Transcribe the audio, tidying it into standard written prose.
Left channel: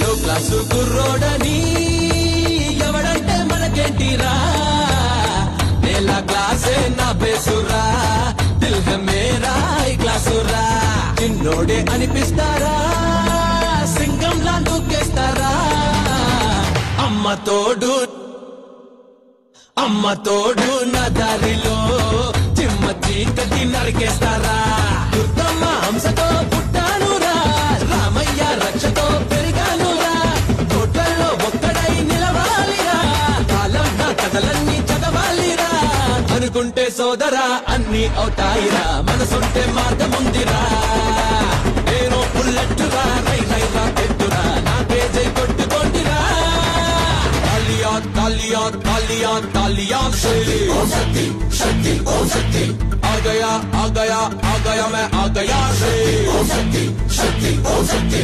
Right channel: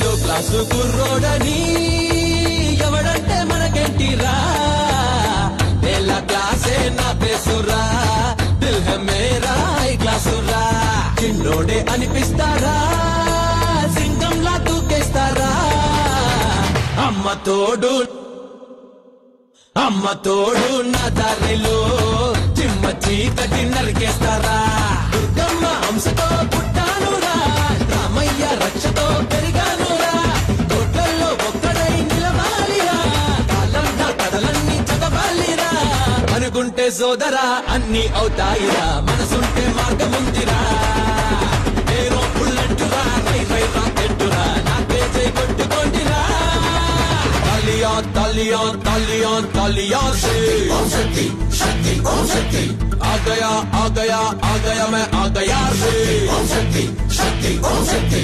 లో క్లాసు కుర్రోడని ఎవడంటే మనకేంటిరా ఎలా క్లాసే నా బేసురా దిల్ హై మేరా ఈ క్లాసురా చిన్నోడే అనిపిస్తారా సింగంలా దూకేస్తారా అమ్మ తోడు నా దారిలో చిమ్మ చీకటి నరికేస్తారా దుర్గమ్మ హంసతో పుట్టానురా రామయ్య రక్షతో పెరిగానురా కోట్లలో ఒక్కడై నిలవాలిరా కాలంగా కథలన్నీ చదవాలిరా అనుకుంటే సోదరా అన్ని అవుతాయిరా మనసుంటే మార్గముందిరా ఏరో పుల్లెట్టురా హై రాకెట్టురా నాకే జై కొట్టుకోండిరా तालियां तालियां तालियां से ओम शक्ति शक्ति ओम शक्ति आ गया मैं आ गया से ओम शक्ति शक्ति ओम शक्ति